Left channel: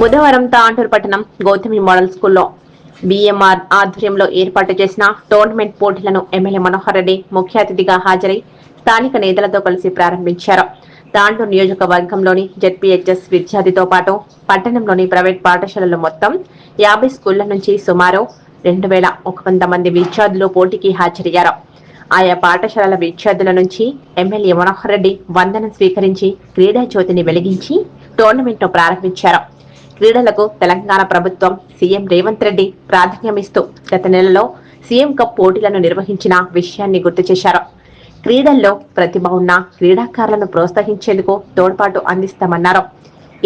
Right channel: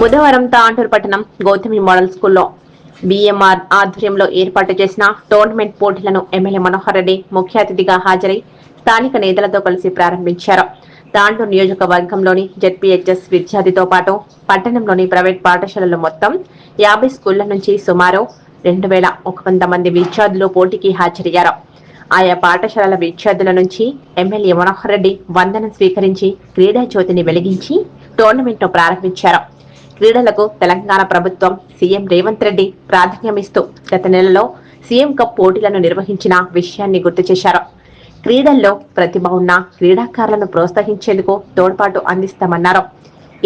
బుధవారం తాండూరు పట్టణం గౌతమి మోడల్ స్కూల్లో బీఎంఆర్ ఆధ్వర్యంలో ఏర్పాటు చేసిన టోర్నమెంట్ పోటీలను ఎమ్మెల్యే మనోహర్ రెడ్డి ముఖ్య అతిథిగా హాజరై స్థానిక నేతలతో కలిసి ప్రారంభించారు. తాండూరు నియోజకవర్గంలోని జెడ్పీహెచ్ఎస్ విద్యార్థితో పాటు పట్టణంలోని ప్రైవేట్ పాఠశాలలు మొత్తం 50 స్కూళ్ల నుంచి సుమారు 2100 మంది విద్యార్థులు పోటీకి హాజరయ్యారు. ఆయా పాఠశాలల విద్యార్థుల నుంచి ఎమ్మెల్యే మనోహర్ రెడ్డి వందనం స్వీకరించి క్రీడా జ్యోతిని వెలిగించి టోర్నమెంట్ ను ప్రారంభించారు. క్రీడలకు తెలంగాణ ప్రభుత్వం సీఎం రేవంత్ రెడ్డి ప్రాధాన్యమిస్తూ గత నెలలో సీఎం కప్ పోటీలను నిర్వహించిన విషయాన్ని గుర్తు చేశారు. క్రీడల్లో ప్రతిభ ఉన్న క్రీడాకారులను ప్రోత్సహించేందుకు తోడ్పాటు అందిస్తామన్నారు.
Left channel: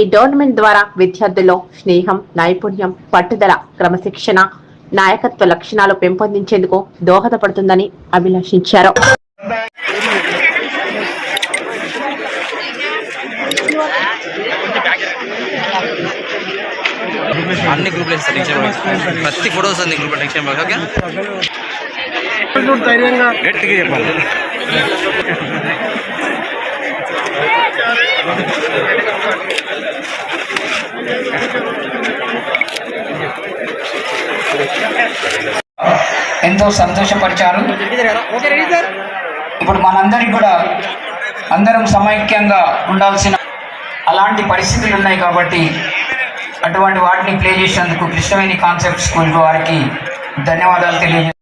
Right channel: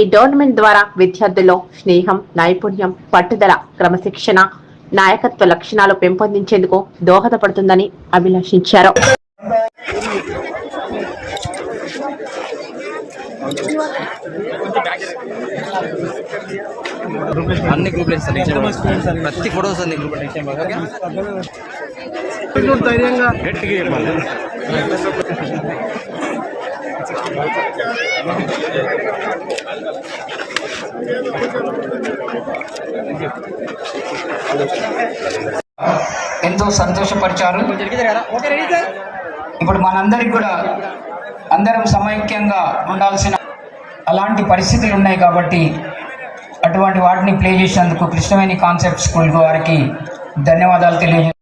ఈ టోర్నమెంట్ ద్వారా విద్యార్థుల్లో స్నేహం, నైపుణ్యం, పట్టుదల, క్రమశిక్షణ, నాయకత్వ లక్షణాలు పెంపొందించేందుకు దోహదపడుతుందని అభిలాషించారు. అన్ని గ్రూప్లు ప్రతి ఫోటో వస్తుంది గ్రూప్ టెన్షన్ ఓకే గట్టిగా చెప్పాలి. ఎంతో సంతోషపరిచారు. ఇప్పుడు మనందరికి కూడా అందరం సమైక్యంగా ఉండాల్సిన అలాంటి పరిస్థితులు ఉన్నాయి కాబట్టి అటువంటి వాటిని ప్లే చేసినందుకు కృష్ణవేణి కాన్సెప్ట్ స్కూల్ వారికి ధన్యవాదాలు తెలియజేస్తాను.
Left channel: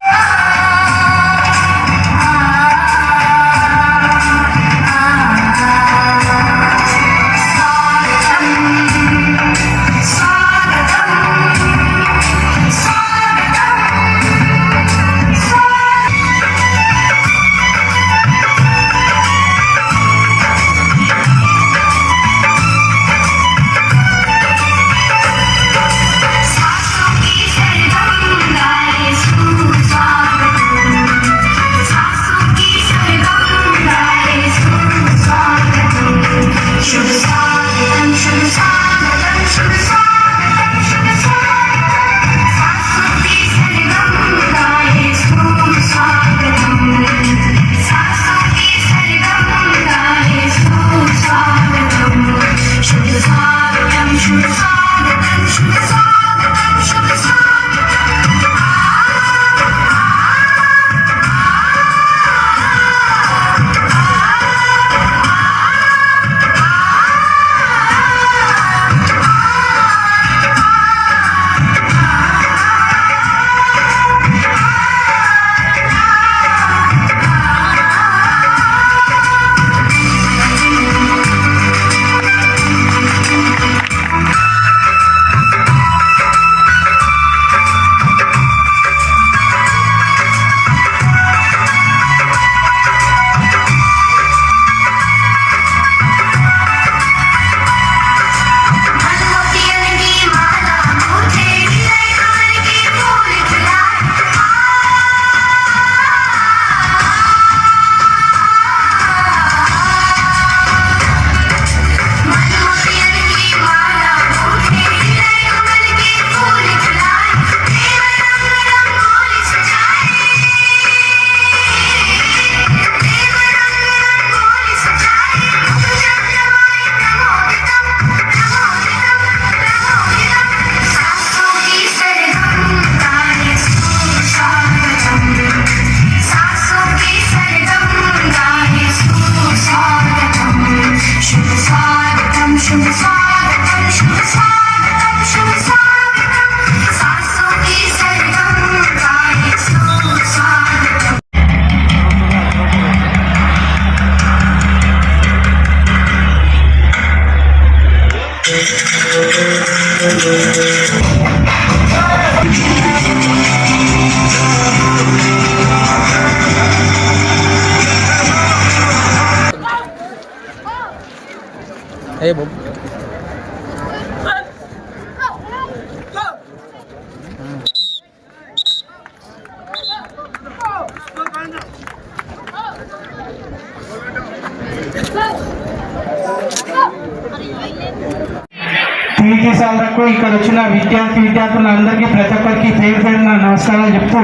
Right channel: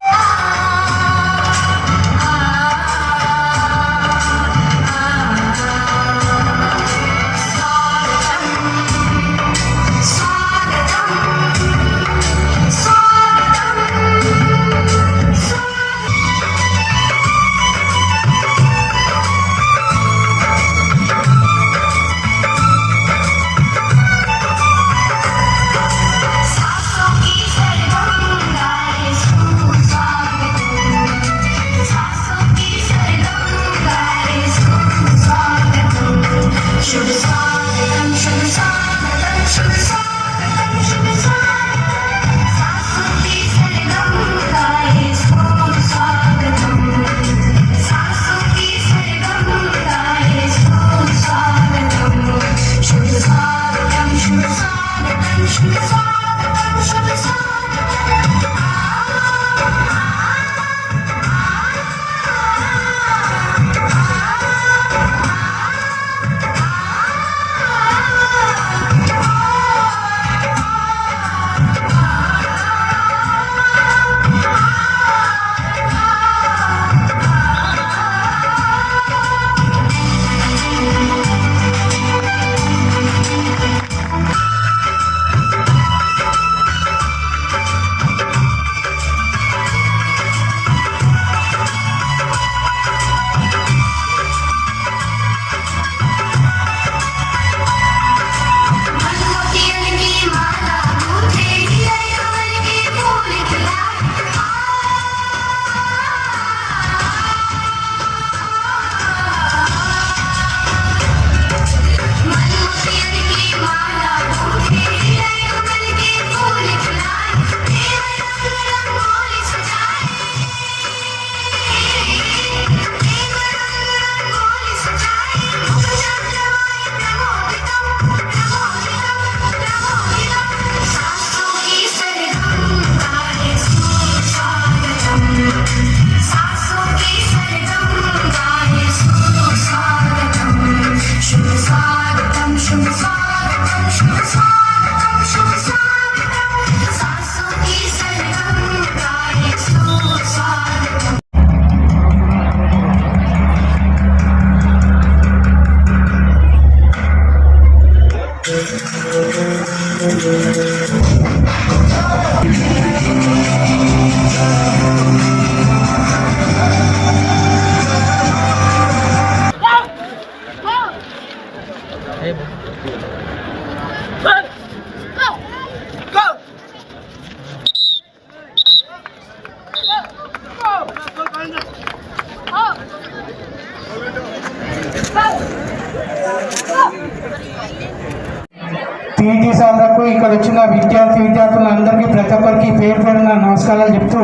టీచర్లకు ఇక్కడ వచ్చిన విద్యార్థులందరికీ ప్రతి ఒక్కరికి పేరు పేరున నమస్కారాలు చెప్తూ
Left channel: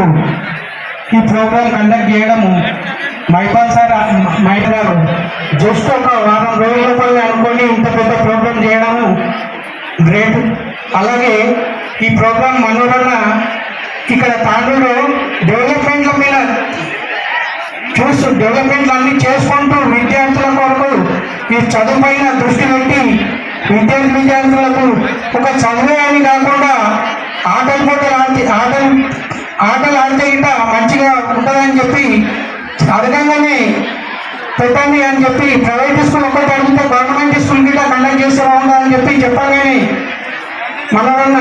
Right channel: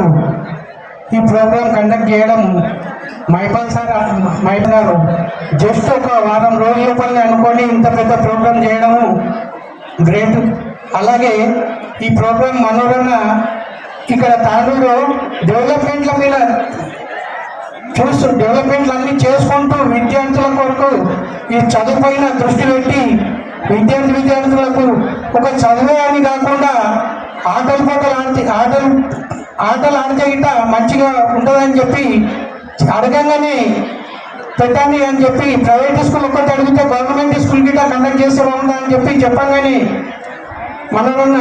ఈ ప్రోగ్రాం కండక్ట్ చేయడం మైపాల్ సార్ మైటన్నారు జస్ట్ ఒక వారం రోజుల లోపలనే అనుకొని ఇంత పెద్ద ప్రోగ్రాం చేయడము గ్రేట్. అలాగే ఈ ప్రోగ్రాం మనోరన్న ఇక్కడ తాండూరులో డెవలప్మెంట్ల మీద డెవలప్మెంట్లు అన్ని చేసుకుంటూ విద్యార్థుల కొరకు ఈ చదువు పైన దృష్టి పెట్టి విద్యార్థులకు ఒక చదువే అని కాకుండా ఆటలు ఆడితే ఇట మంచిగా ఉంటుందని చెప్పి అడగంగానే పెట్టండి అని చెప్పి ప్రైవేట్ స్కూల్ ఒకటి అడిగితే గవర్నమెంట్ స్కూల్ గిట్ట కండక్ట్ చేస్తే బాగుందా అని చెప్పి చెప్పగానే మనమన్న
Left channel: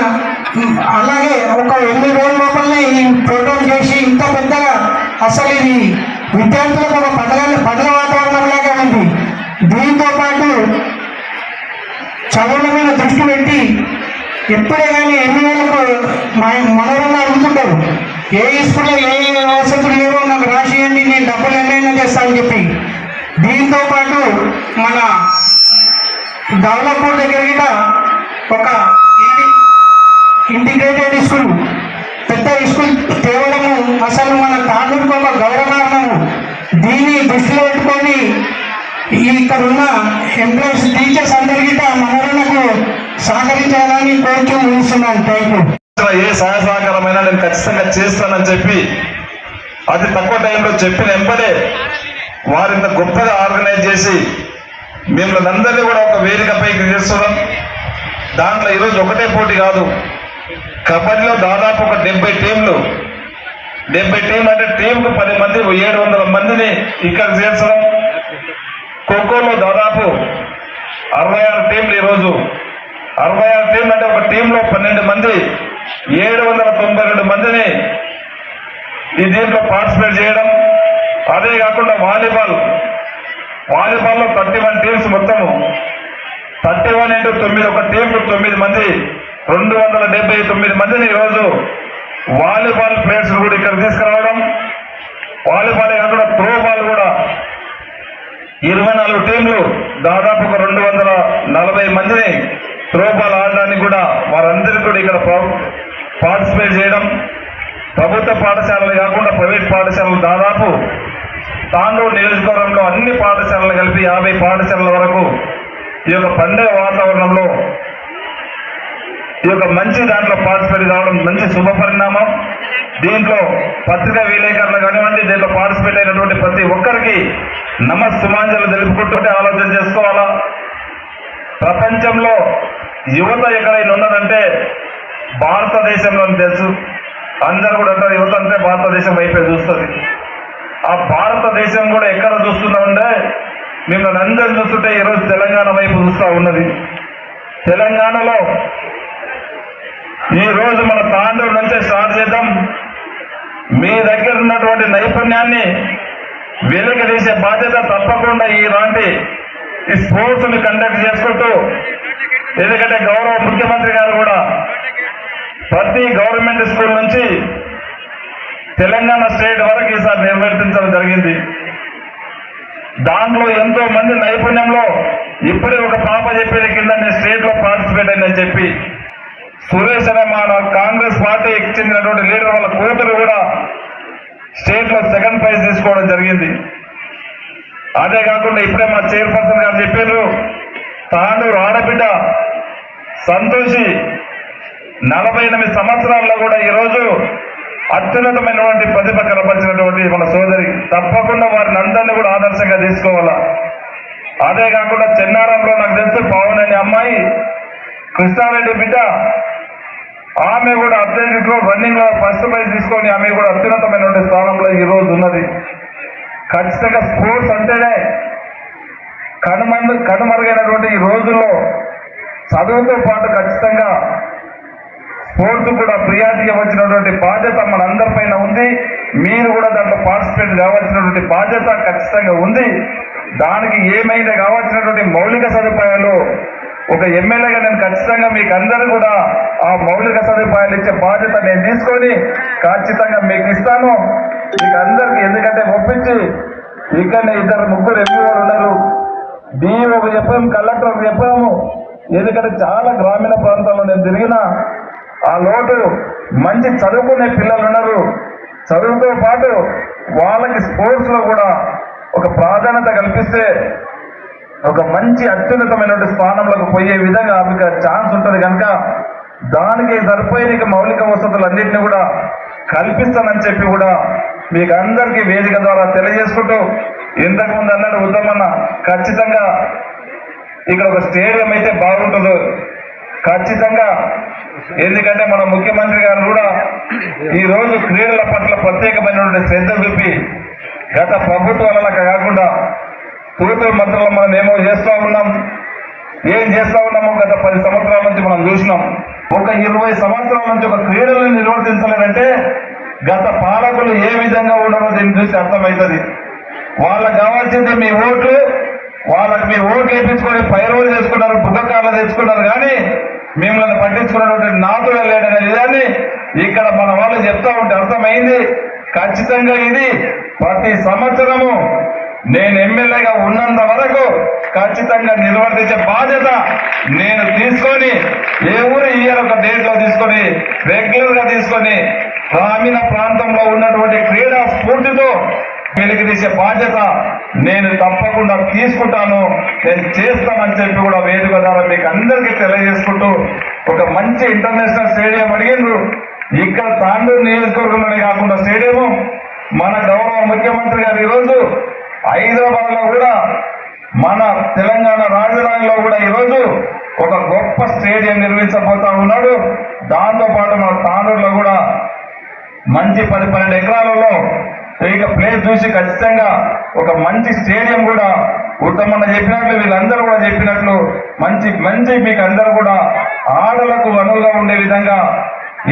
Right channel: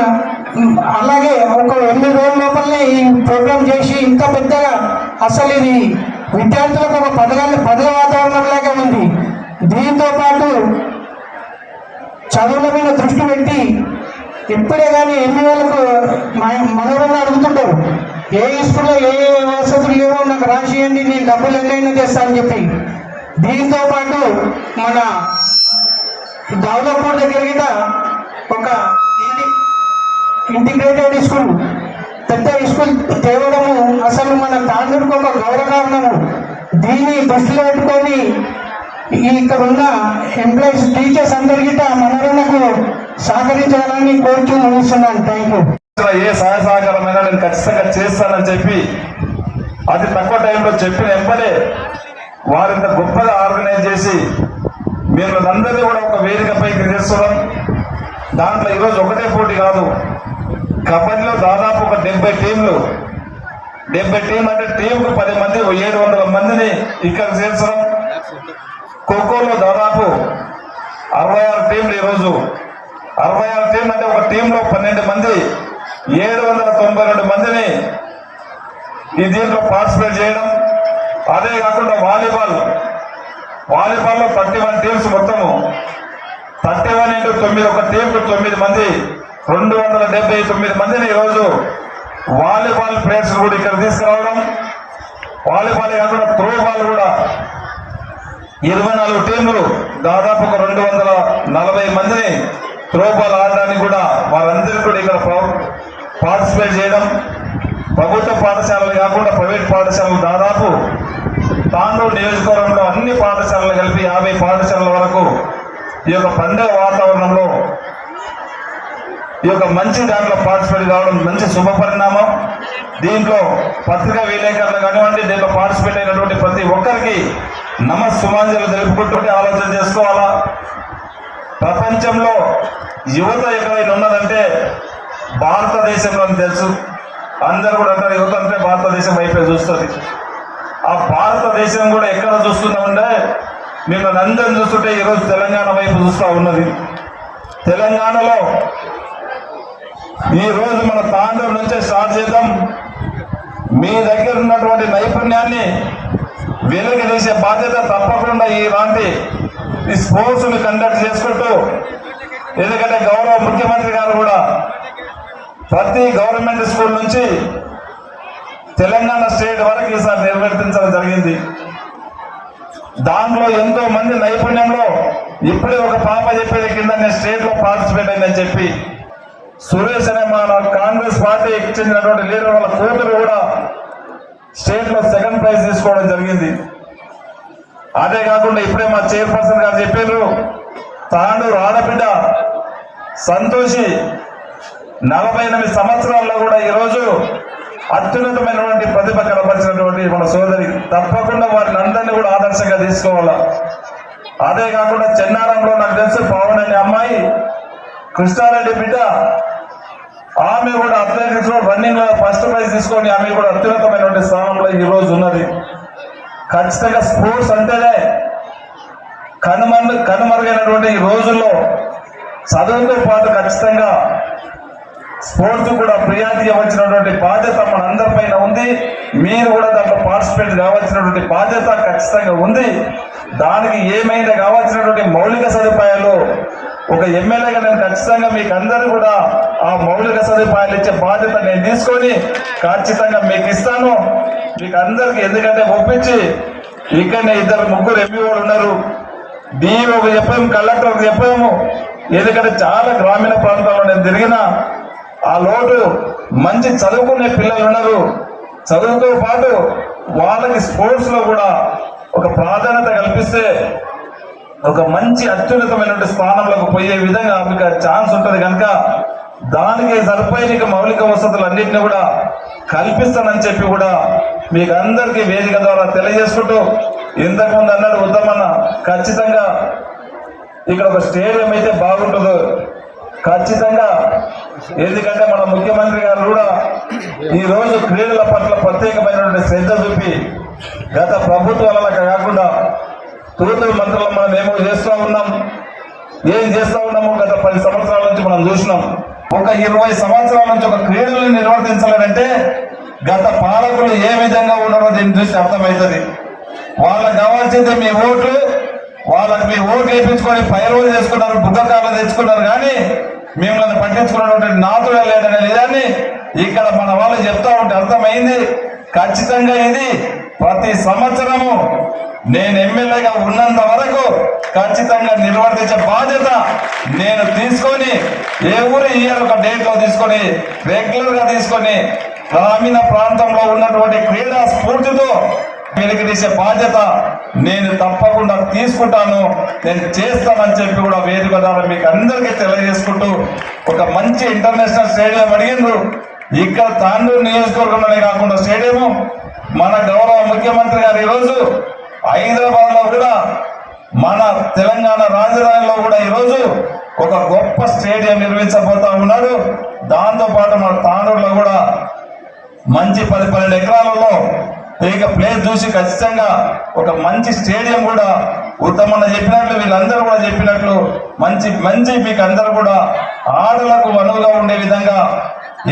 అలాగే ఒక 8 రోజుల లోపలనే ఈ ప్రోగ్రామ్ చేసి ఇంత పెద్దగా అసలు ఇది విద్యార్థులకు ఒక పండుగ వాతావరణంలాగా ఉంది. దీంతో పాటు చదువుల మీద దృష్టి పెట్టి ఎప్పుడే కానీ ఎన్ని వేలకు మనవరన్న అడుగుతుంటారు ఏ స్కూల్లో ఏ వసతులు లేవో నాకు రాసియండి నేను డబ్బులు ఎన్నైనా చేస్తానని చెప్పి. దీంతో పాటు మన దౌలపూర్ దగ్గర కూడా ఒక ఇంటిగ్రేటెడ్ స్కూల్ పెద్ద స్కూల్ తేవడము అసలు మన తాండూరుకు ఒక గౌరవకారణము. దీన్ని దృష్టిలో పెట్టుకొని ఇక్కడ ఉన్న ఎంప్లాయీస్ టీచర్స్ అందరికీ మనకు సహకరించాలని కోరుతూ ముగిస్తున్నాను. Thank you. ఏ సహాయ సహకారమైనా నేను ఖచ్చితంగా చేస్తానని చెప్పి అది తక్కువ టైంలో చెప్పిన వెంబడే వారింత గొప్పగా ఆర్గనైజ్ చేసి మిమ్మల్ని అందరినీ కూడా ఒక వేదికపైకి చేస్తున్నాం. దాంట్లో ఈరోజు ఒకటే పోటీ కాదు, కబడ్డీలో దాదాపు ఒక 70 టీంలు 70 టీంలు అంటే టీంకు 10 మంది 700 మందిని ఇక్కడ చేర్చడం. ఖోఖోలో దాదాపు 66 టీంలు ఈరోజు 66 టీంలు అంటే ఒక టీంలో 12 మంది 792 మందిని ఈ దీంట్లో పార్టిసిపేట్ చేయడం. అదే కాకుండా వాలీబాల్లో 31 టీమ్స్ మొత్తము 31 into 9 ఒక టీంకు 9 మంది 279 మందిని ఈరోజు వాలీబాల్ ప్లేయర్స్ కూడా ఇక్కడ తీసుకురావడం. వాలీబాల్ కాకుండా త్రో బాల్ కూడా 24 టీంలు దాదాపు ఒక 240 మందిని త్రో బాల్ ఆడడానికి కూడా వారందరికీ కూడా ఇక్కడ పార్టిసిపేట్ చేయడం. ప్రభుత్వ పాఠశాలలు కాకుండా ప్రైవేట్ పాఠశాలలు దాదాపు తాండూరు నియోజకవర్గంలో అన్ని పాఠశాలలు కలిపి 50 పాఠశాలల వరకు ఈ యొక్క పండుగ వాతావరణంలో ఈ యొక్క మంచి దాంట్లో పార్టిసిపేట్ కావడం మంచి శుభ పరిణామం. దీంట్లో పత్రికా విలేకరులు కానివ్వండి, దీంట్లో పార్టిసిపేట్ అయినటువంటి ప్రతి ఒక్కరికి నమస్సుమాంజలు తెలుపుకుంటూ ఆలోచన చేసుకోవాలా. ప్రపంచంలో యువత ఎక్కడైనా ఉన్నదంటే భారతదేశంలో తెలుసు. అందరూ కూడా అంటారు యువత అంటే భారతదేశం వైపే చూస్తుంది. ఆ భారతదేశం కూడా ఎక్కడ చూస్తున్నా ఉంటే మిమ్మల్ని అందరూ చూస్తుంటే ఈరోజు తెలంగాణ వైపు చూస్తూ ఉన్నది. తెలంగాణలో ఈరోజు మన తాండూరు నుంచే స్టార్ట్ చేద్దాం. మీ దగ్గర ఉన్నటువంటి నైపుణ్యాన్ని వెలికి తీసే బాధ్యత తప్పకుండా ఇలాంటి ఈ స్పోర్ట్స్ని కండక్ట్ చేసుకుంటూ, ఎందుకంటే గౌరవ ముఖ్యమంత్రి గారు కూడా ప్రతి గవర్నమెంట్ స్కూల్ నుంచి తెలంగాణ స్టేట్ వరకు ఈసారి నిర్వర్తించడం జరిగింది. దాంట్లో ఎంతో మంది నైపుణ్యంలో ఇప్పుడే ఒక పాప చెప్పేది కింద నేను స్టేట్ లో పార్టిసిపేట్ అయిందని చెప్పి సురేష్ అనే మా కాంగ్రెస్ పార్టీకి చెందినటువంటి లీడర్ వాళ్ళ కూతురు కూడా స్టేట్ లో 2nd ప్రైజ్ తీసుకోవడం జరిగింది. అదే కాకుండా ఇప్పుడే మా చైర్పర్సన్ గారు చెప్పారు, తాండూరు ఆడబిడ్డ సంతోషి 48 సంవత్సరాల్లో కూడా ఈరోజు అత్యున్నతమైనటువంటి ప్రతిభ కనపరిచినటువంటి మన సోదరి. తప్పకుండా వారిని అందరినీ కూడా ఆదర్శంగా తీసుకోవాలా. అదే కాకుండా చెన్నారంలో నాకు తెలుసు పవన్ అనే అమ్మాయి కృష్ణారెడ్డి బిడ్డ, ఆమె కూడా అథ్లెటిక్స్ లో రన్నింగ్ లో 1st ప్రైజ్ తీసుకొని ఆమె కూడా అత్యున్నతమైనటువంటి స్థానంలో ఈ రోజు ఉన్నది. ఖచ్చితంగా స్పోర్ట్స్ అంటేనే కనుమరుగైనటువంటి ఈ రోజుల్లో చదువుతో పాటు ఖచ్చితంగా స్పోర్ట్స్ కూడా ప్రియారిటీ ఇవ్వాల్సినటువంటి బాధ్యత మన అందరిపైన ఉంది. మీరు కూడా దాంట్లో పార్టిసిపేట్ కావాల్సినటువంటి బాధ్యత ఖచ్చితంగా ఉంది. దానికి ఏమైనా కావాల్సినటువంటి మౌలిక సదుపాయాలు ఒక ఎమ్మెల్యేగా నేను ఖచ్చితంగా మీకు అందరూ కూడా ఆ మౌలిక సదుపాయాలు ఇచ్చే బాధ్యత నేను తీసుకొని ఖచ్చితంగా మీకు ఇస్తాను మీకు అందరికి. ఎందుకంటే ఒప్పించి ఇక్కడనే 2-3 ఎంపీఓలు ఉన్నారు, డిఈఓకి చెప్పాము, కలెక్టర్కి చెప్పాము. ఎందుకంటే చాలా గ్రామీణ ప్రాంతాల్లో నేను తిరిగిన ఆ లోటు మంచి చదువుకునే పిల్లలు ఉన్నారు. చదువుతో పాటు వాళ్ళకి స్పోర్ట్స్ లో కూడా ఒక ప్రాధాన్యత కల్పిస్తే ఒక మంచి అత్యున్నతమైనటువంటి స్థానంలోకి పోయే విధంగా మీకు ఛాన్స్ ఉంటుంది. కనుక దానికి సరిపోయిన మౌలిక వసతులన్నింటినీ కూడా కల్పిస్తానని చెప్పి కూడా మీకు అందరికీ వేదిక ద్వారా తెలియజేసుకుంటూ, ఇంతకుముందు అన్నాడు ఉత్తమన్న, ఖచ్చితంగా ఇక్కడ ఒక స్టేడియం అయితే బాగుంటుందో ఖచ్చితంగా. ఎందుకంటే మన ముఖ్యమంత్రి గారు కూడా ఈ రోజు క్రీడల పట్ల ప్రత్యేకమైనటువంటి శ్రద్ధ చూపి గత ప్రభుత్వాల కాకుండా తూతు మంత్రులు మనం ఏమో చేస్తూ ఉన్నాం, ఏం చేస్తూ ఉన్నామో గత 10 సంవత్సరాల నుంచి మనం చూసినాం. ఒక 20 సంవత్సరాల నుంచి ఒక క్రీడలను నిర్వర్తించలేదంటే గత పాలకులు ఏ విధంగా ఉన్నారో దీన్ని చూసి అర్థమవుతుంది. వాళ్ళకి కావాల్సింది మీ ఓట్లు, వాళ్ళకి మీ ఓట్లు వేయించుకొని పైరువులు చేసుకున్నారు, బుద్ధకాలు తెచ్చుకున్నారు, కానీ మిమ్మల్ని పట్టించుకున్నటువంటి నాతుడే లేదనే నిజాన్ని ఇక్కడ మన వాళ్ళు చెప్తూ ఉంటే అర్థమైంది. ఖచ్చితంగా ఇది ప్రతి సంవత్సరము నేను ఎమ్మెల్యేగా ఉన్నంత వరకు ఖచ్చితంగా నిర్వర్తించే బాధ్యత నేను తీసుకొని ఎవరు ఇయర్ ఒక డేట్ లో తీసుకొని రెగ్యులర్ గా తీసుకొని గ్రామీణ ప్రాంతంలో ఉన్నటువంటి క్రీడా స్ఫూర్తితో వెలికితీసే బాధ్యత నేను తప్పకుండా తీసుకుంటాను, నేను చేస్తానని చెప్పి కూడా వేదిక ద్వారా మీకు అందరికీ తెలియజేసుకుంటూ, ఒక మంచి ఇంటర్నేషనల్ స్టేడియం అడిగిండ్రు. ఇక్కడ తాండూరు నియోజకవర్గంలోనే కాకుండా స్టేడియము మన గౌరవ ముఖ్యమంత్రి గారు ఈరోజు హైదరాబాద్ లో కూడా మన తెలంగాణ రాజధానిలో కూడా ఈరోజు ఒక గొప్ప స్టేడియం నిర్మించబోతా ఉన్నాడు. దాంతో పాటు మన తాండూరులో కూడా మంచి 10-12 ఎకరాలలో ఇక ప్లేస్ చూసి ఖచ్చితంగా ఒక మంచి స్టేడియం కూడా ఉత్తమన్న చెప్పినట్లు వీళ్ళందరూ కూడా చెప్పినట్లు మంచి మీకు అందరూ కూడా ఆటలకు అనువుగా ఉండే విధంగా,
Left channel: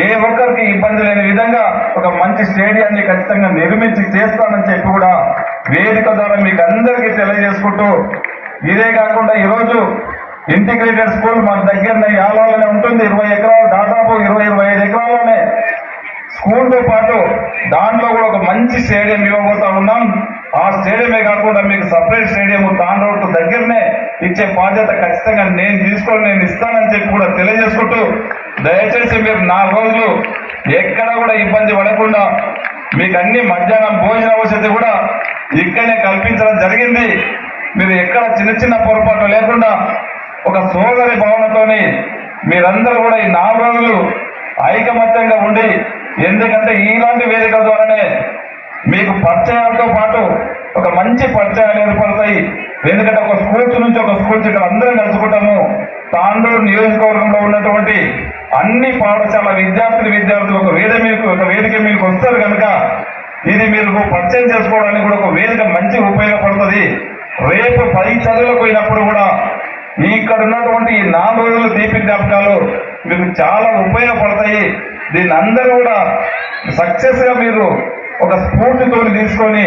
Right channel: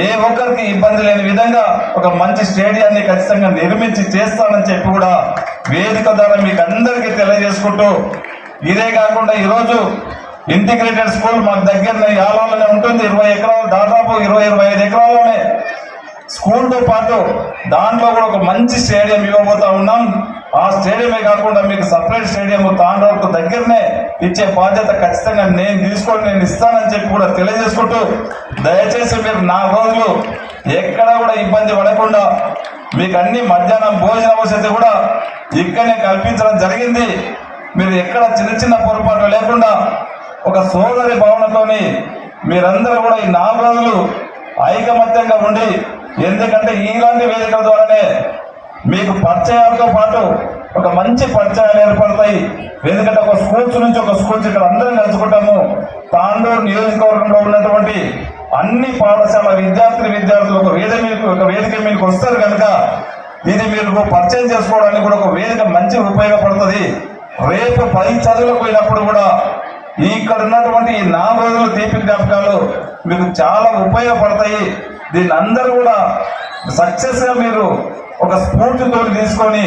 ఏ ఒక్కరికి ఇబ్బంది లేని విధంగా ఒక మంచి స్టేడియాన్ని ఖచ్చితంగా నిర్మించి చేస్తానని చెప్పి కూడా వేదిక ద్వారా మీకు అందరికీ తెలియజేసుకుంటూ, ఇదే కాకుండా ఈరోజు ఇంటిగ్రేటెడ్ స్కూల్ మా దగ్గరనే యాలాలోనే ఉంటుంది. 20 ఎకరాలు, దాదాపు 20-25 ఎకరాల్లోనే స్కూల్తో పాటు దాంట్లో కూడా ఒక మంచి స్టేడియం ఇవ్వబోతా ఉన్నాం. ఆ స్టేడియమే కాకుండా మీకు సపరేట్ స్టేడియం తాండూరు దగ్గరనే ఇచ్చే బాధ్యత ఖచ్చితంగా నేను తీసుకొని నేను ఇస్తానని చెప్పి కూడా తెలియజేసుకుంటూ, దయచేసి మీరు 4 రోజులు ఎక్కడ కూడా ఇబ్బంది పడకుండా మీకు అన్ని మధ్యాహ్నం భోజన వసతి కూడా ఇక్కడనే కల్పించడం జరిగింది. మీరు ఎక్కడ చిన్న పొరపాటు లేకుండా ఒక సోదరి భావనతోని మీరందరూ కూడా ఈ 4 రోజులు ఐకమత్యంగా ఉండి, ఎందుకంటే ఇలాంటి వేదికల ద్వారానే మీకు పరిచయాలతో పాటు ఒక మంచి పరిచయాలు ఏర్పడతాయి. ఎందుకంటే ఒక స్కూల్స్ నుంచి ఒక స్కూల్స్ ఇక్కడ అందరం కలుసుకుంటాము. తాండూరు నియోజకవర్గంలో ఉన్నటువంటి అన్ని పాఠశాల విద్యార్థులు ఒక వేదిక మీకు వస్తారు కనుక ఇది మీరు పరిచయం చేసుకోవడానికి కూడా ఒక వేదిక మంచి ఉపయోగపడుతుంది. రేపు 10 చదువులకు పోయినప్పుడు కూడా ఇక్కడ ఉన్నటువంటి ఈ 4 రోజులు తీపి జ్ఞాపకాలు మీకు చాలా ఉపయోగపడతాయి. దీన్ని అందరూ కూడా సక్సెస్ గా మీరు ఒక స్ఫూర్తితో తీసుకొని